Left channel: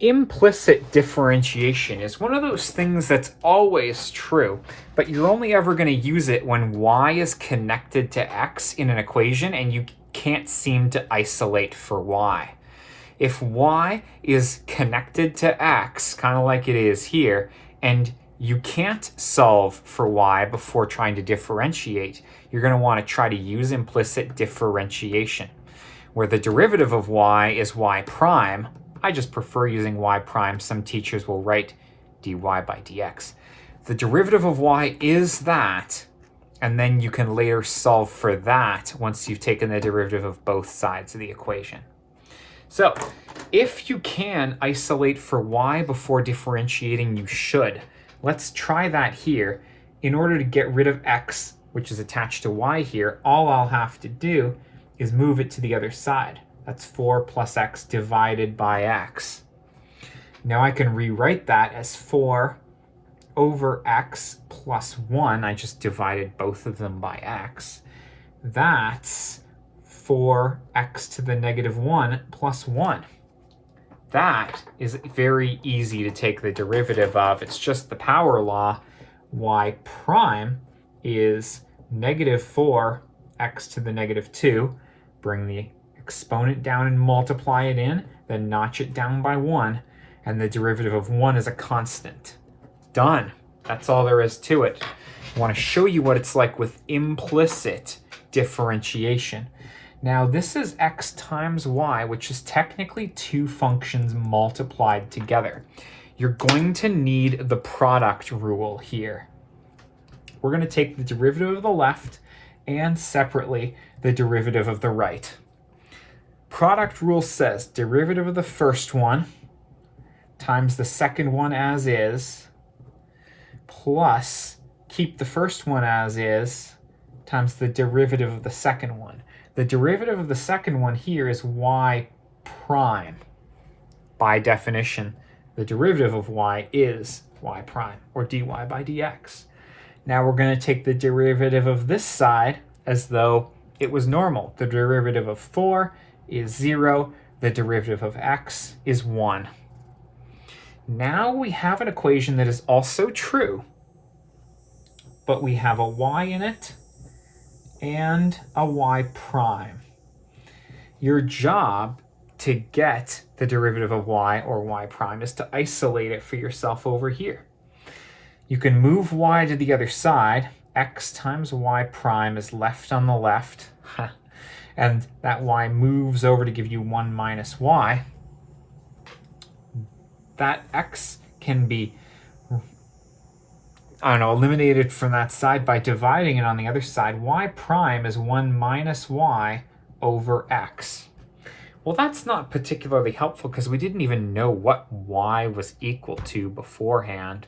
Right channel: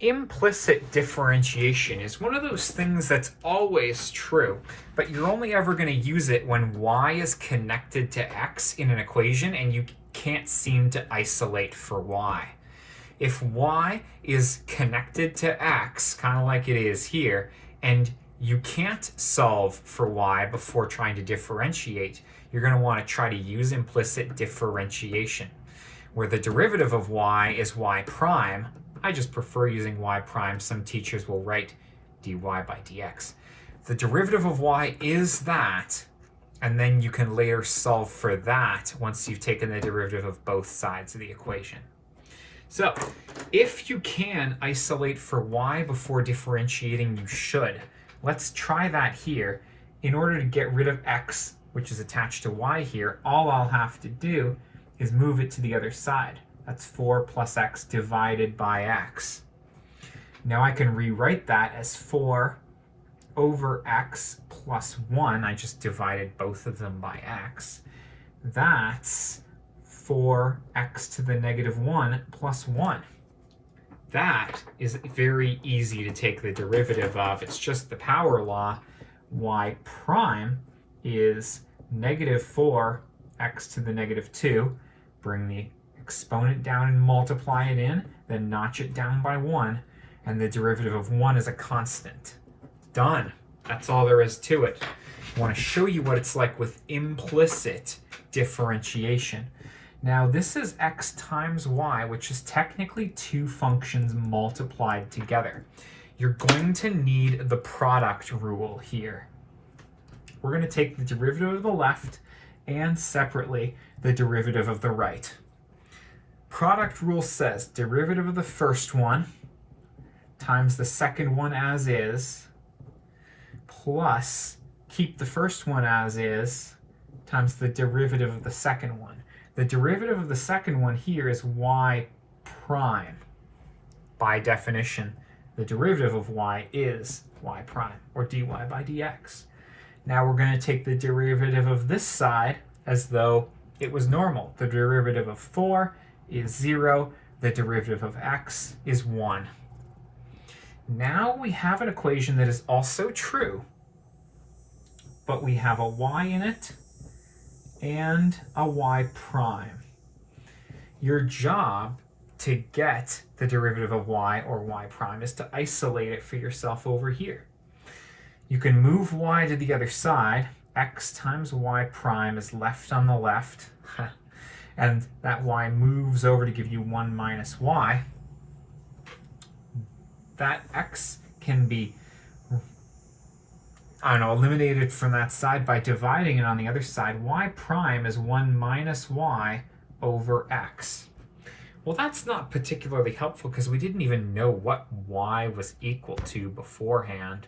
Implicit differentiation is one of those things that's always true, but you're only ever going to use it when y is connected to x in an equation and you can't seem to isolate for y. If y is connected to x, kind of like it is here, and you can't solve for y before trying to differentiate, you're going to want to try to use implicit differentiation, where the derivative of y is y prime. I just prefer using y prime. Some teachers will write dy by dx. The derivative of y is that, and then you can later solve for that once you've taken the derivative of both sides of the equation. So if you can isolate for y before differentiating, you should. Let's try that here. In order to get rid of x, which is attached to y here, all I'll have to do is move it to the other side. That's 4 plus x divided by x. Now I can rewrite that as 4 over x plus 1. I just divided both of them by x. That's 4x to the negative 1 plus 1. That is very easy to take the derivative of. It's just the power law. Y prime is negative 4x to the negative 2. Bring the exponent down and multiply it in, then notch it down by 1, and the derivative of 1 is a constant. Done. That's all there is to it. I want to show you what it's like with implicit differentiation. Now this is x times y, which is technically two functions multiplied together. You're going to need the product rule here. We're going to take the derivative of the left and separately the derivative of the right. Product rule says derivative of the first one times the second one as is, plus keep the first one as is, times the derivative of the second one. The derivative of the second one here is y prime. By definition, the derivative of y is y prime, or dy by dx. Now we're going to take the derivative of this side as though it was normal. The derivative of 4 is 0. The derivative of x is 1. Now we have an equation that is also true, but we have a y in it and a y prime. Your job to get the derivative of y or y prime is to isolate it for yourself over here. You can move y to the other side. X times y prime is left on the left. And that y moves over to give you 1 minus y. That x can be, eliminated from that side by dividing it on the other side. Y prime is 1 minus y over x. Well, that's not particularly helpful because we didn't even know what y was equal to beforehand.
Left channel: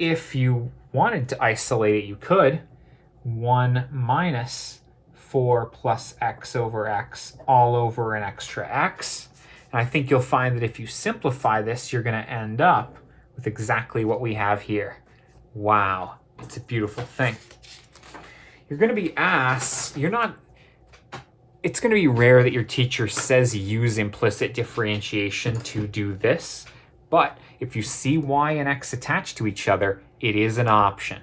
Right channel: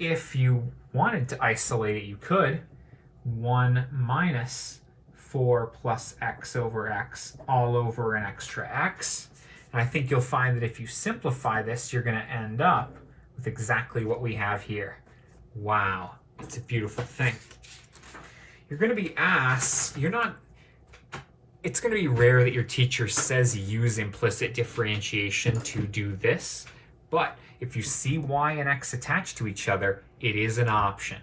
If you wanted to isolate it, you could. 1 minus 4 plus x over x all over an extra x. And I think you'll find that if you simplify this, you're going to end up with exactly what we have here. Wow, it's a beautiful thing. You're going to be asked, it's going to be rare that your teacher says use implicit differentiation to do this, but if you see y and x attached to each other, it is an option.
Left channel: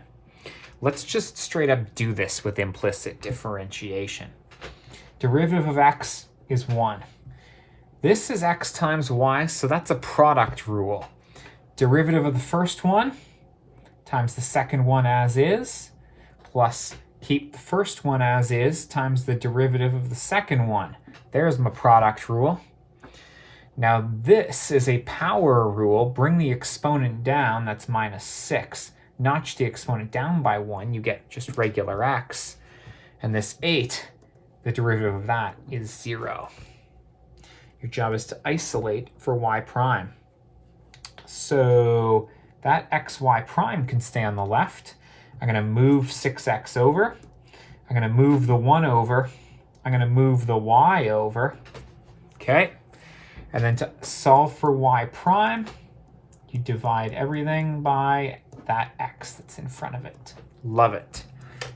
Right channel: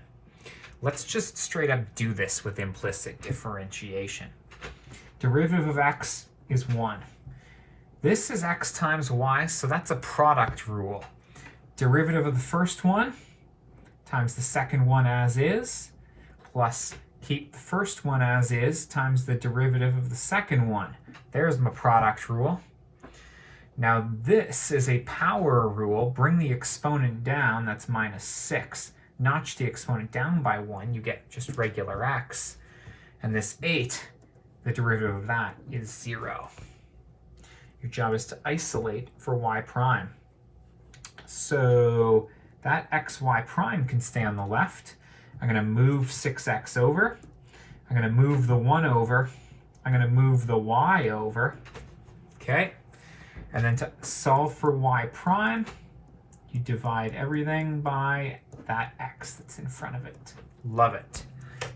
Let's just straight up do this with implicit differentiation. Derivative of x is 1. This is x times y, so that's a product rule. Derivative of the first one times the second one as is, plus keep the first one as is times the derivative of the second one. There's my product rule. Now this is a power rule. Bring the exponent down, that's minus 6. Notch the exponent down by 1, you get just regular x. And this 8, the derivative of that is 0. Your job is to isolate for y prime. So that xy prime can stay on the left. I'm going to move 6x over. I'm going to move the 1 over. I'm going to move the y over. Okay? And then to solve for y prime, you divide everything by that x that's in front of it. Love it.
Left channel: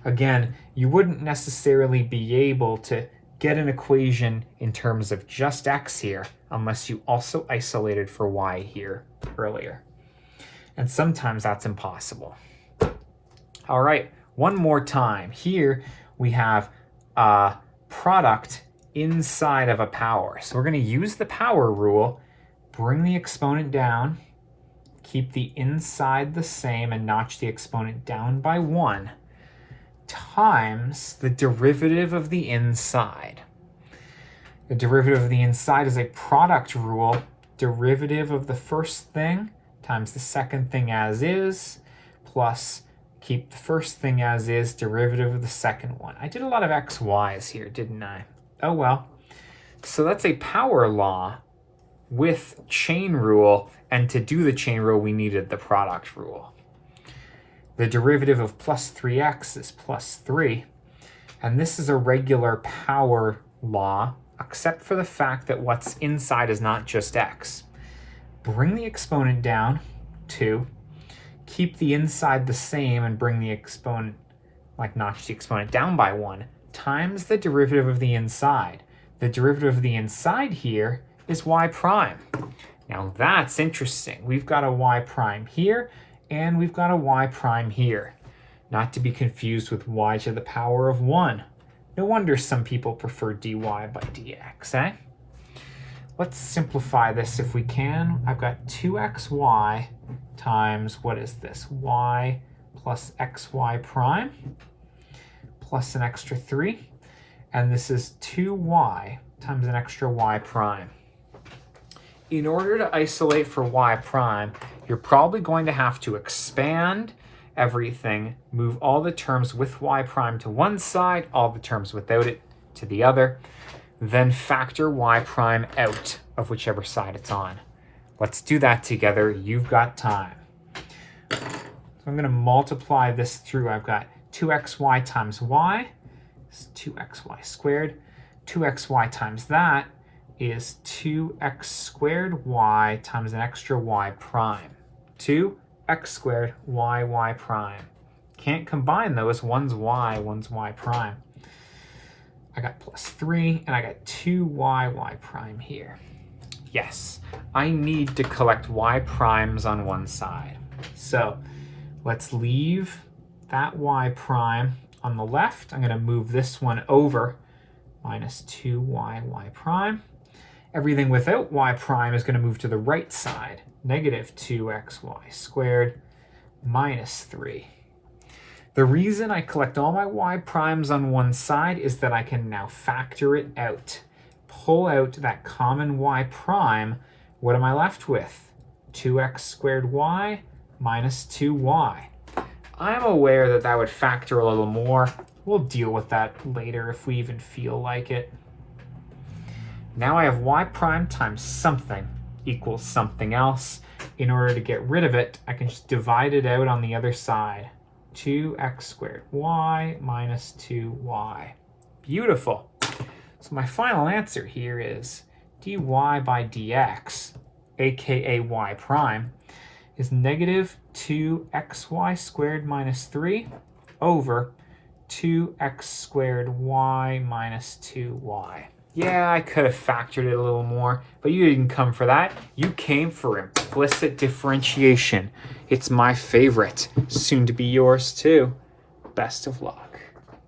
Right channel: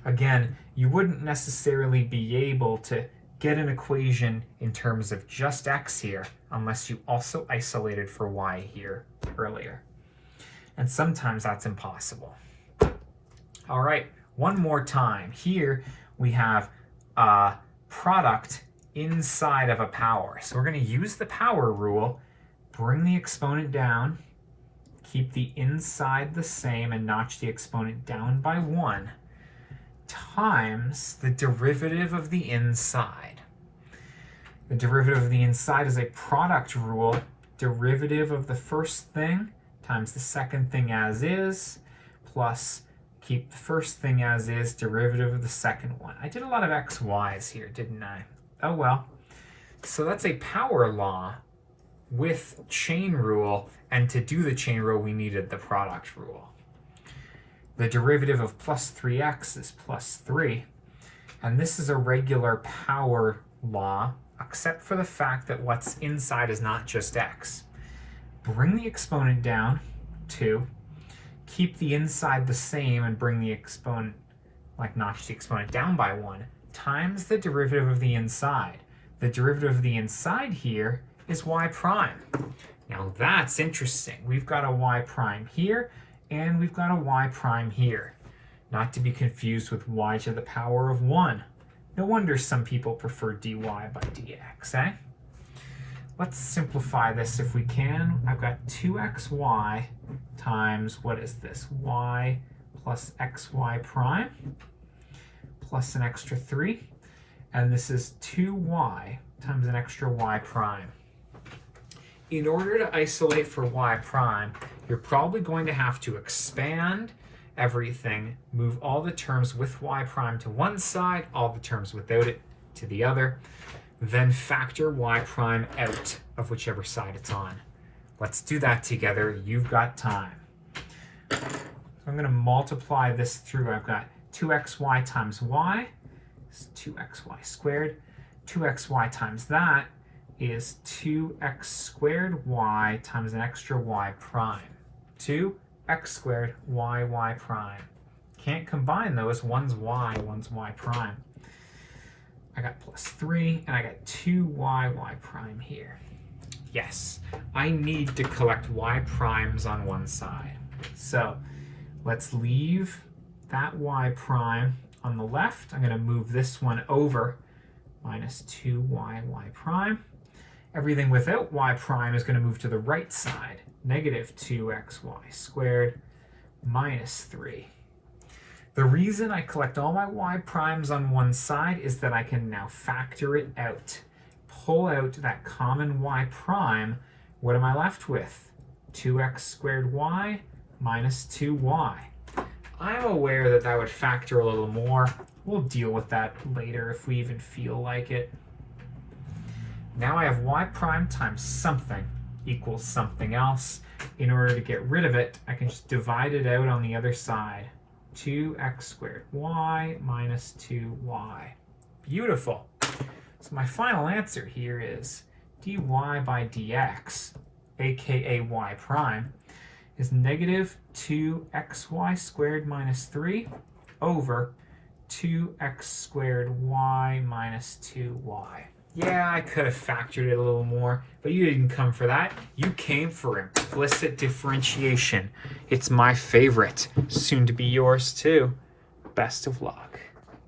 Again, you wouldn't necessarily be able to get an equation in terms of just x here unless you also isolated for y here earlier. And sometimes that's impossible. All right, one more time. Here we have a product inside of a power. So we're going to use the power rule, bring the exponent down, keep the inside the same, and notch the exponent down by 1, times the derivative of the inside. The derivative of the inside is a product rule, derivative of the first thing times the second thing as is, plus keep the first thing as is, derivative of the second one. I did a lot of x, y's here, didn't I? Oh well. So that's a power law with chain rule, and to do the chain rule we needed the product rule. The derivative of plus 3x is plus 3, and this is a regular power law, except for the fact that what's inside is not just x. Bring the exponent down, 2, keep the inside the same and bring the exponent, like notch the exponent down by 1, times the derivative of the inside. The derivative of the inside here is y prime. Now that's interesting. We've got a y prime here, and we've got a y prime here. Not to be confused with y to the power of 1. No wonder some people prefer dy by dx, eh? Let's simplify this if we can. I've got 2xy times, what is this? Y plus xy prime plus an extra 3. And this is 2y times an extra y prime. In order to isolate for y prime, you're probably going to have to expand everything, move all the terms with y prime to one side, all the terms without it to the other, then factor y prime out of whichever side it's on. Let's do that together. You've got time. So I'm going to multiply this through. I've got 2xy times y is 2xy squared. 2xy times that is 2x squared y times an extra y prime. 2x squared y prime. Can't combine those. One's y prime. I got plus 3, and I got 2y prime here. Yes, I need to collect y primes on one side. So let's leave that y prime on the left. I'm going to move this one over, minus 2y prime. Everything without y prime is going to move to the right side, negative 2xy squared minus 3. The reason I collect all my y primes on one side is that I can now factor it out. Pull out that common y prime. What am I left with? 2x squared y minus 2y. I'm aware that that would factor a little more. We'll deal with that later if we even feel like it. Now I have y prime times something equals something else. In order to get rid of it, I can just divide it out on the other side. 2x squared y minus 2y. Beautiful. So my final answer here is dy by dx, aka y prime, is negative 2xy squared minus 3 over 2x squared y minus 2y. Yeah, I could have factored it a little more, but you didn't come for that. You came for implicit differentiation. It's my favorite, soon to be yours too. Best of luck.